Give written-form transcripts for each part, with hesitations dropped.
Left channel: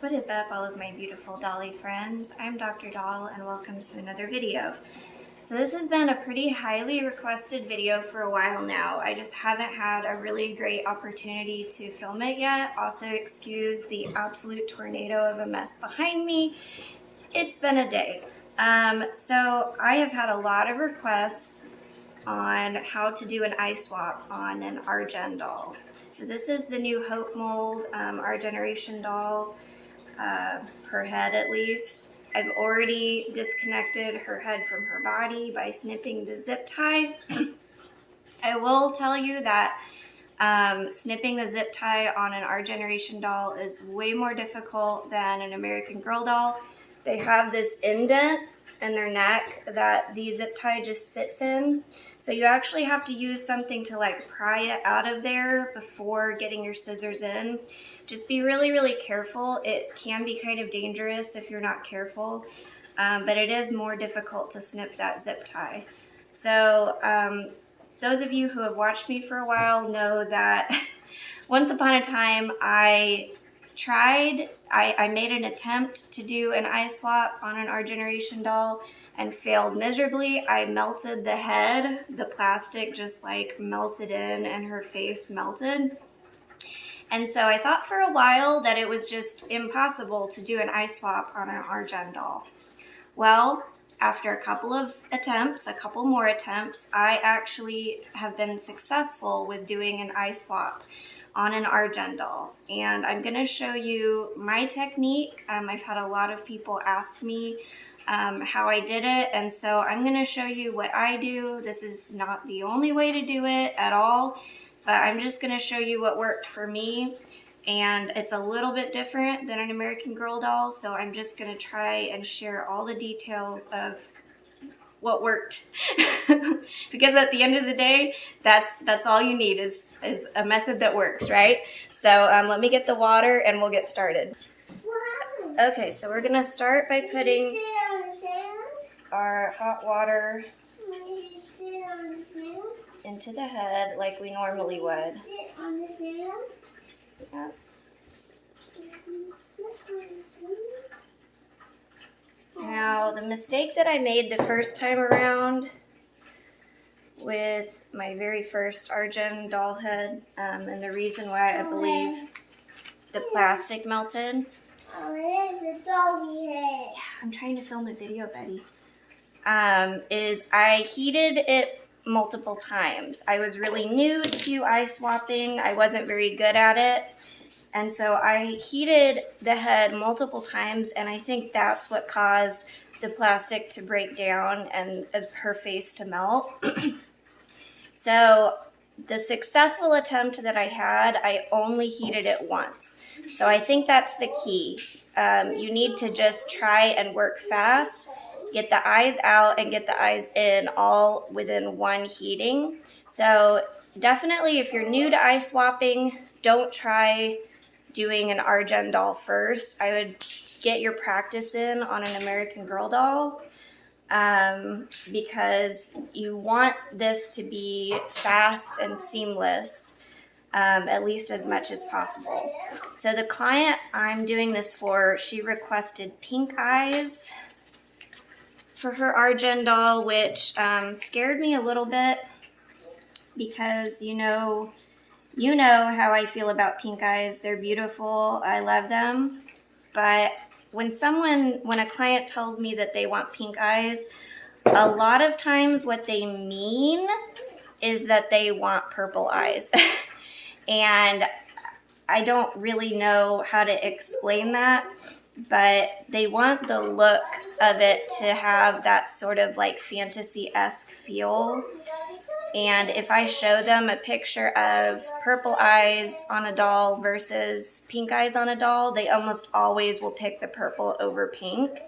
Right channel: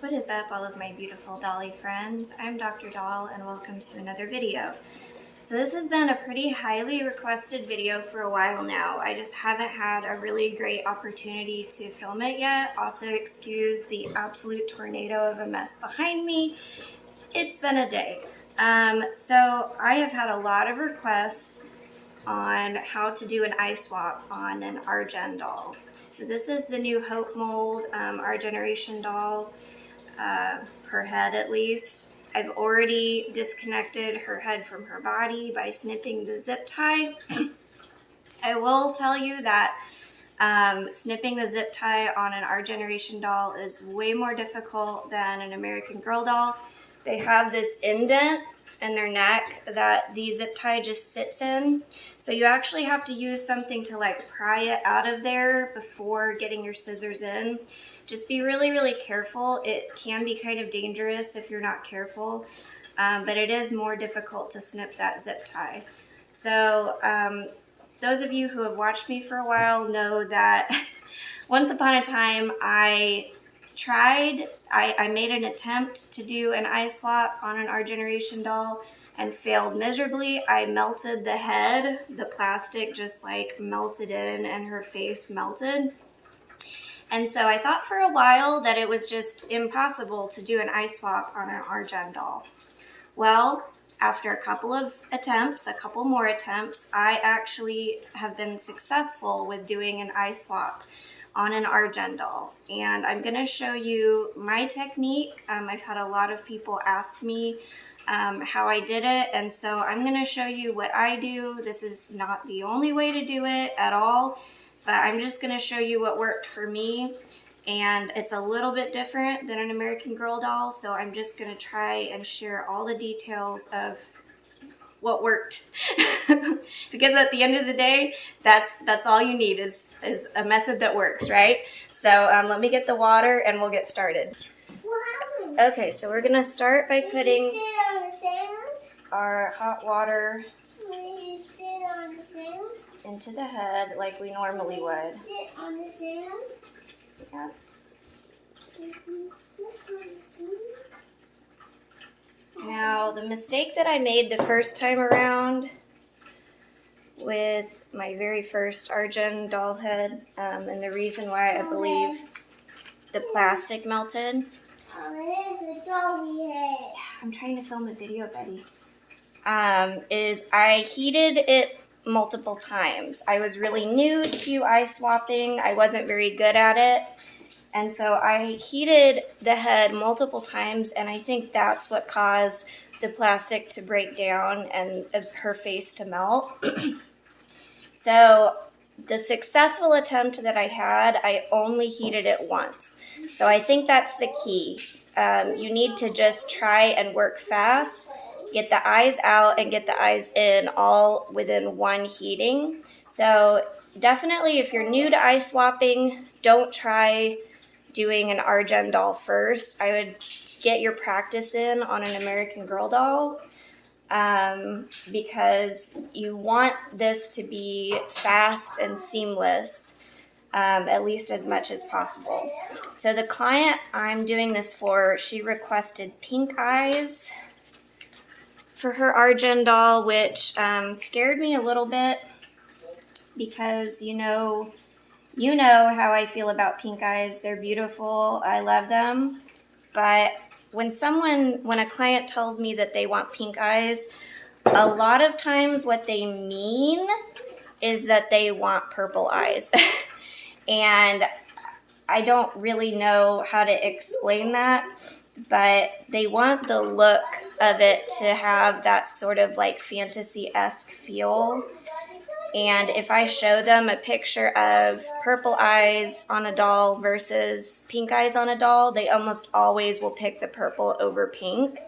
What is up, all of my beautiful Dolly friends? I'm Dr. Doll and welcome to another video. So this has been a pretty highly requested video for a while now. I just haven't had a really great opportunity to film it yet. Also excuse the absolute tornado of a mess behind me. It's been a day. So I have had a lot of requests on how to do an eye swap on an Argen doll. So this is the new Hope Mold Our Generation doll. Her head at least. I've already disconnected her head from her body by snipping the zip tie. I will tell you that snipping the zip tie on an Our Generation doll is way more difficult than an American Girl doll. They have this indent in their neck that the zip tie just sits in. So you actually have to use something to like pry it out of there before getting your scissors in. Just be really, really careful. It can be kind of dangerous if you're not careful, but it is more difficult to snip that zip tie. So those of you who have watched me for a while know that once upon a time I made an attempt to do an eye swap on an Our Generation doll and failed miserably. I melted the head, the plastic just like melted in and her face melted. And so I thought for a while that it was just impossible to do an eye swap on an Argen doll. Well, after a couple more attempts, I actually have been successful with doing an eye swap on an Argen doll. And I'm gonna show you my technique. I've had a lot of people ask me how I did it, and so I'm gonna show you what I do. This is not the only way to do it at all, but I'm just gonna show you what worked for me. And it's a little bit different than an American Girl doll, so I'm just gonna try and share all the details of what worked. Because at the end of the day, that's all you need is a method that works, right? So let me get the water and we'll get started. Okay, so we're gonna start by putting our hot water into the head like we normally would. Yeah. Now, the mistake that I made the first time around with my very first Argen doll head, and the reason why I believe the plastic melted. Oh, it is a doggy head. Yeah, I'm trying to film a video, Betty. Is I heated it multiple times. I was really new to eye swapping. I wasn't very good at it. And so I heated the head multiple times, and I think that's what caused the plastic to break down and her face to melt. So the successful attempt that I had, I only heated it once. So I think that's the key. You need to just try and work fast, get the eyes out and get the eyes in all within one heating. So definitely if you're new to eye swapping, don't try doing an Argen doll first. I would get your practice in on an American Girl doll because you want this to be fast and seamless, at least as much as possible. So the client I'm doing this for, she requested pink eyes for her Argen doll, which scared me a little bit because you know how I feel about pink eyes. They're beautiful. I love them. But when a client tells me that they want pink eyes, a lot of times what they mean is that they want purple eyes. And I don't really know how to explain that, but they want the look of it to have that sort of like fantasy-esque feel. And if I show them a picture of purple eyes on a doll versus pink eyes on a doll, they almost always will pick the purple over pink.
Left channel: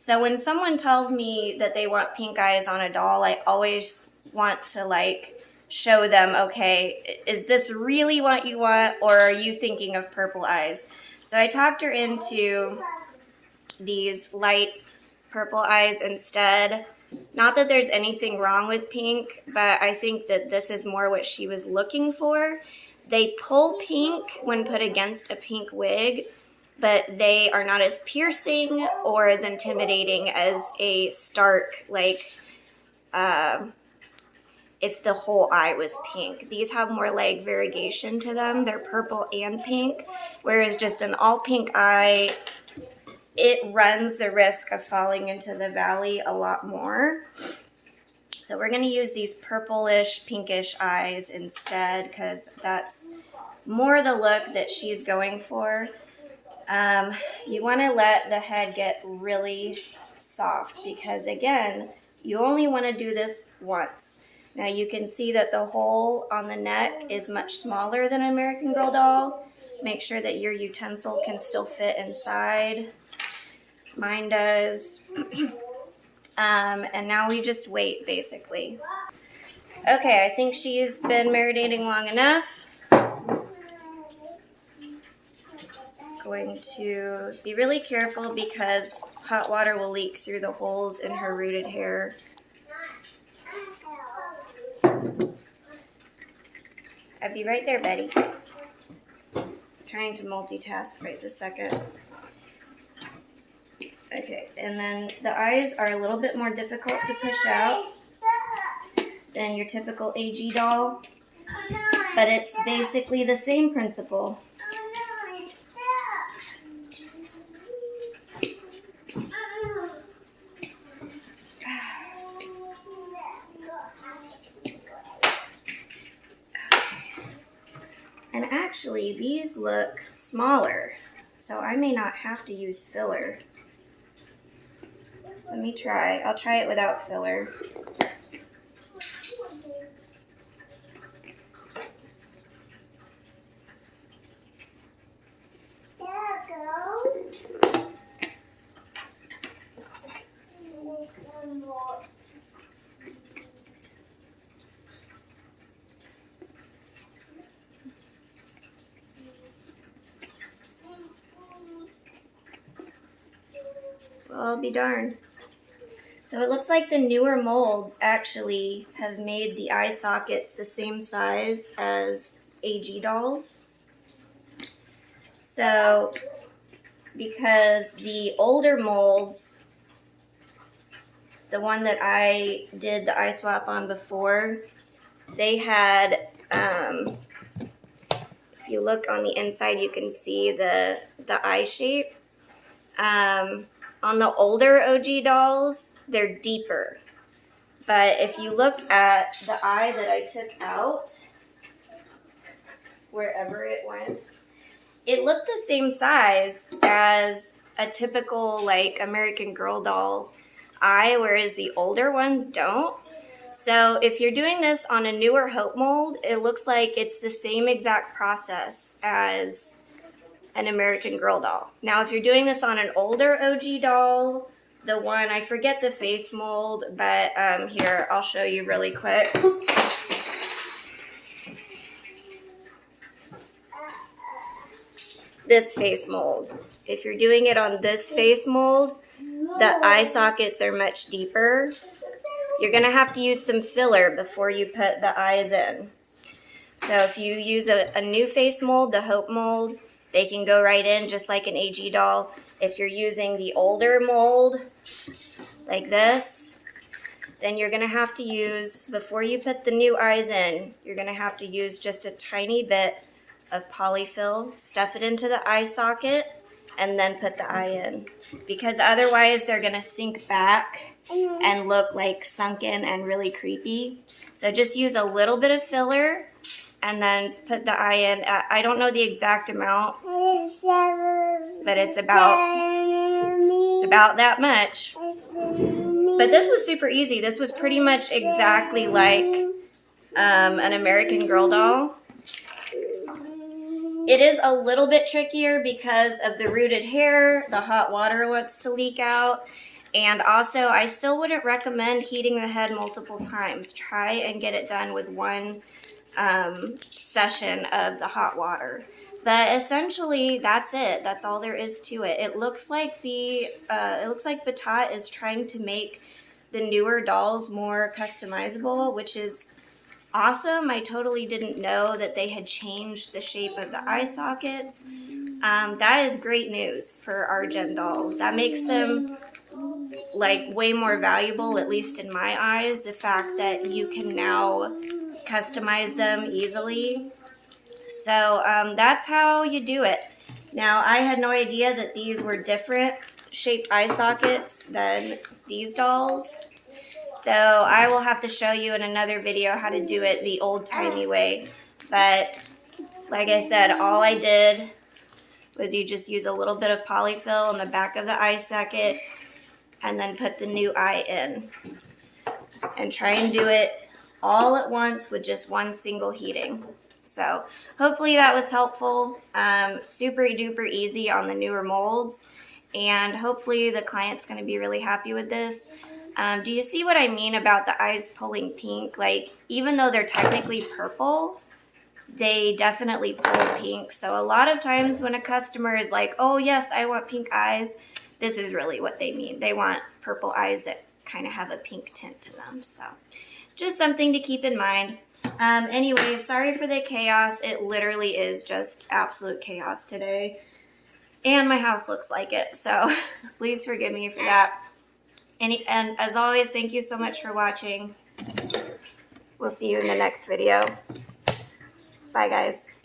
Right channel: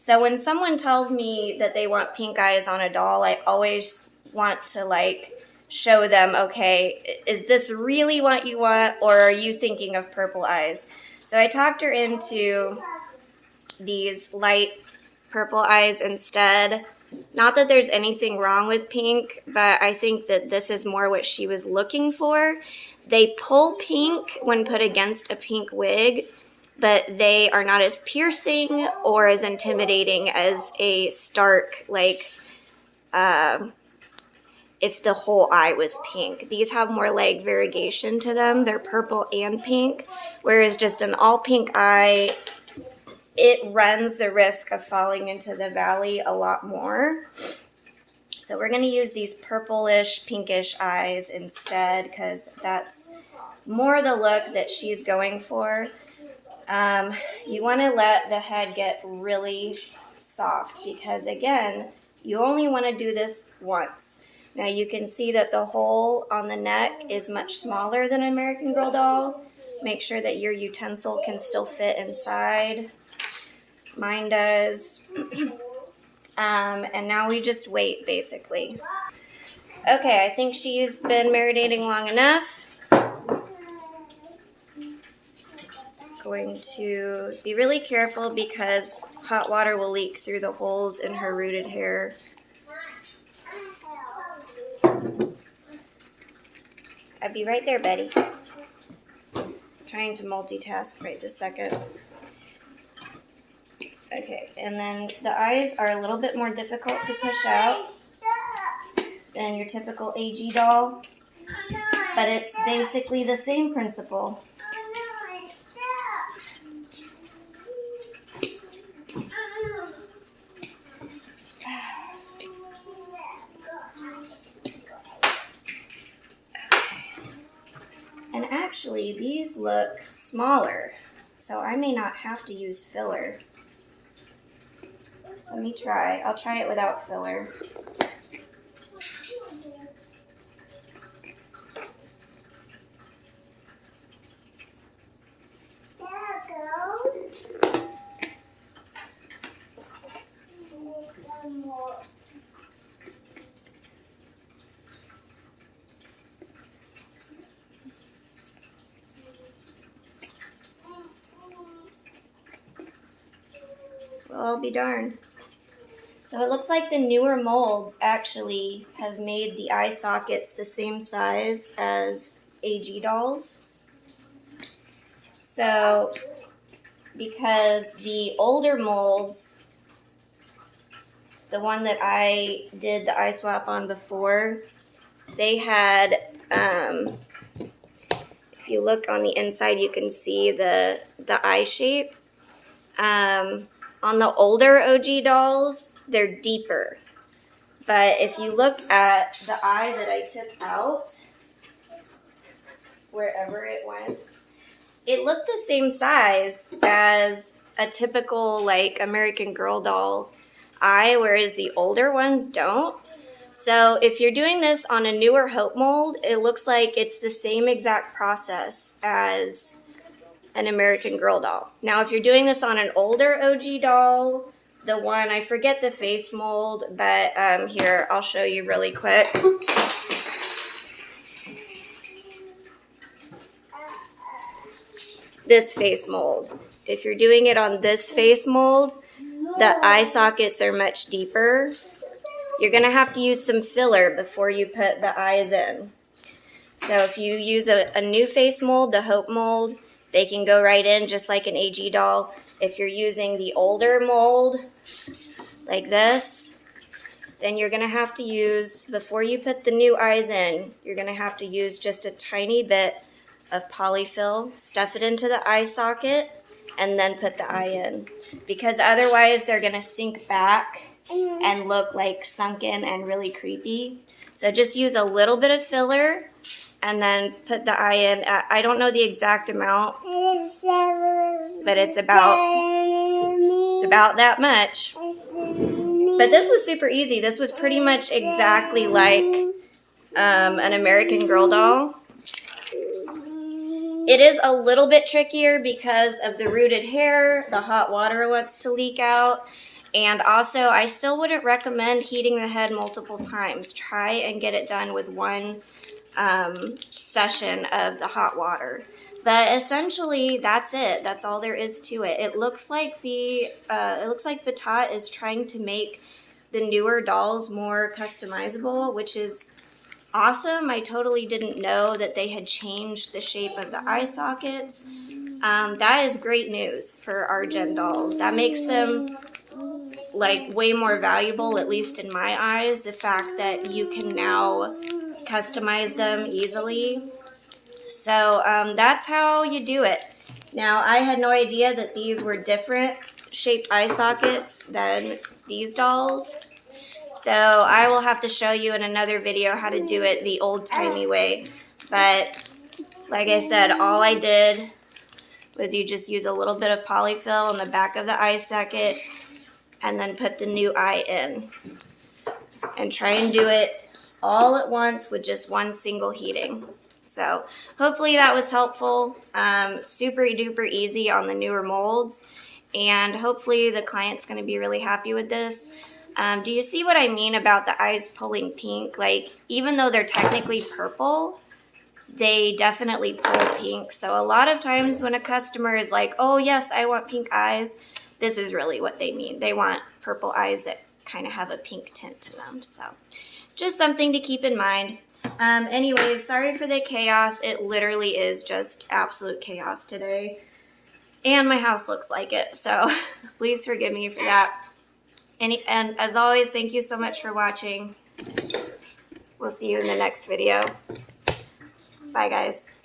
So when someone tells me that they want pink eyes on a doll, I always want to like show them, okay, is this really what you want, or are you thinking of purple eyes? So I talked her into these light purple eyes instead. Not that there's anything wrong with pink, but I think that this is more what she was looking for. They pull pink when put against a pink wig, but they are not as piercing or as intimidating as a stark, like, if the whole eye was pink. These have more like variegation to them. They're purple and pink, whereas just an all pink eye, it runs the risk of falling into the valley a lot more. So we're going to use these purplish, pinkish eyes instead because that's more the look that she's going for. You want to let the head get really soft because, again, you only want to do this once. Now you can see that the hole on the neck is much smaller than American Girl doll. Make sure that your utensil can still fit inside. Mine does. And now we just wait, basically. Okay, I think she's been marinating long enough. Going to be really careful because hot water will leak through the holes in her rooted hair. I'll be right there, Betty. Trying to multitask right this second. Okay, and then the eyes are a little bit more difficult to push out than your typical AG doll, but it's basically the same principle. And actually, these look smaller, so I may not have to use filler. Let me try. I'll try it without filler. Well, I'll be darned. So it looks like the newer molds actually have made the eye sockets the same size as AG dolls. So because the older molds, the one that I did the eye swap on before, they had, if you look on the inside, you can see the eye shape. On the older OG dolls, they're deeper. But if you look at the eye that I took out, wherever it went, it looked the same size as a typical like American Girl doll eye, whereas the older ones don't. So if you're doing this on a newer Hope mold, it looks like it's the same exact process as an American Girl doll. Now, if you're doing this on an older OG doll, the one, I forget the face mold, but here, I'll show you really quick. This face mold. If you're doing it on this face mold, the eye sockets are much deeper. You're going to have to use some filler before you put the eyes in. So if you use a new face mold, the Hope mold, they can go right in just like an AG doll. If you're using the older mold, like this, then you're going to have to use, before you put the new eyes in, you're going to have to use just a tiny bit of polyfill, stuff it into the eye socket, and then put the eye in. Because otherwise they're going to sink back and look like sunken and really creepy. So just use a little bit of filler and then put the eye in. I don't know the exact amount, but it's about that much. But this was super easy. This was pretty much exactly like an American Girl doll. It is a little bit trickier because of the rooted hair. The hot water wants to leak out. And also, I still wouldn't recommend heating the head multiple times. Try and get it done with one session of the hot water. But essentially, that's it. That's all there is to it. It looks like Batat is trying to make the newer dolls more customizable, which is awesome. I totally didn't know that they had changed the shape of the eye sockets. that is great news for our Gen dolls. That makes them like way more valuable, at least in my eyes, the fact that you can now customize them easily. So that's how you do it. Now, I had no idea that these were different shaped eye sockets than these dolls. So I will have to show you in another video how to do it the old-timey way. But like I said, all I did was you just use a little bit of polyfill on the back of the eye socket and then put the new eye in. And try and do it all at once with just one single heating. So hopefully that was helpful. Super duper easy on the newer molds. And hopefully the client's going to be really happy with this. Do you see what I mean about the eyes pulling pink? Like, even though they're technically purple, they definitely pull pink. So a lot of times when a customer is like, oh yes, I want pink eyes, this is really what they mean. They want purple eyes that kind of have a pink tint to them. So just something to keep in mind. Anyways, sorry for the chaos. It literally is just absolute chaos today. And my house looks like it. So please forgive me for that. And as always, thank you so much for watching. We'll see you in the next video. Bye, guys.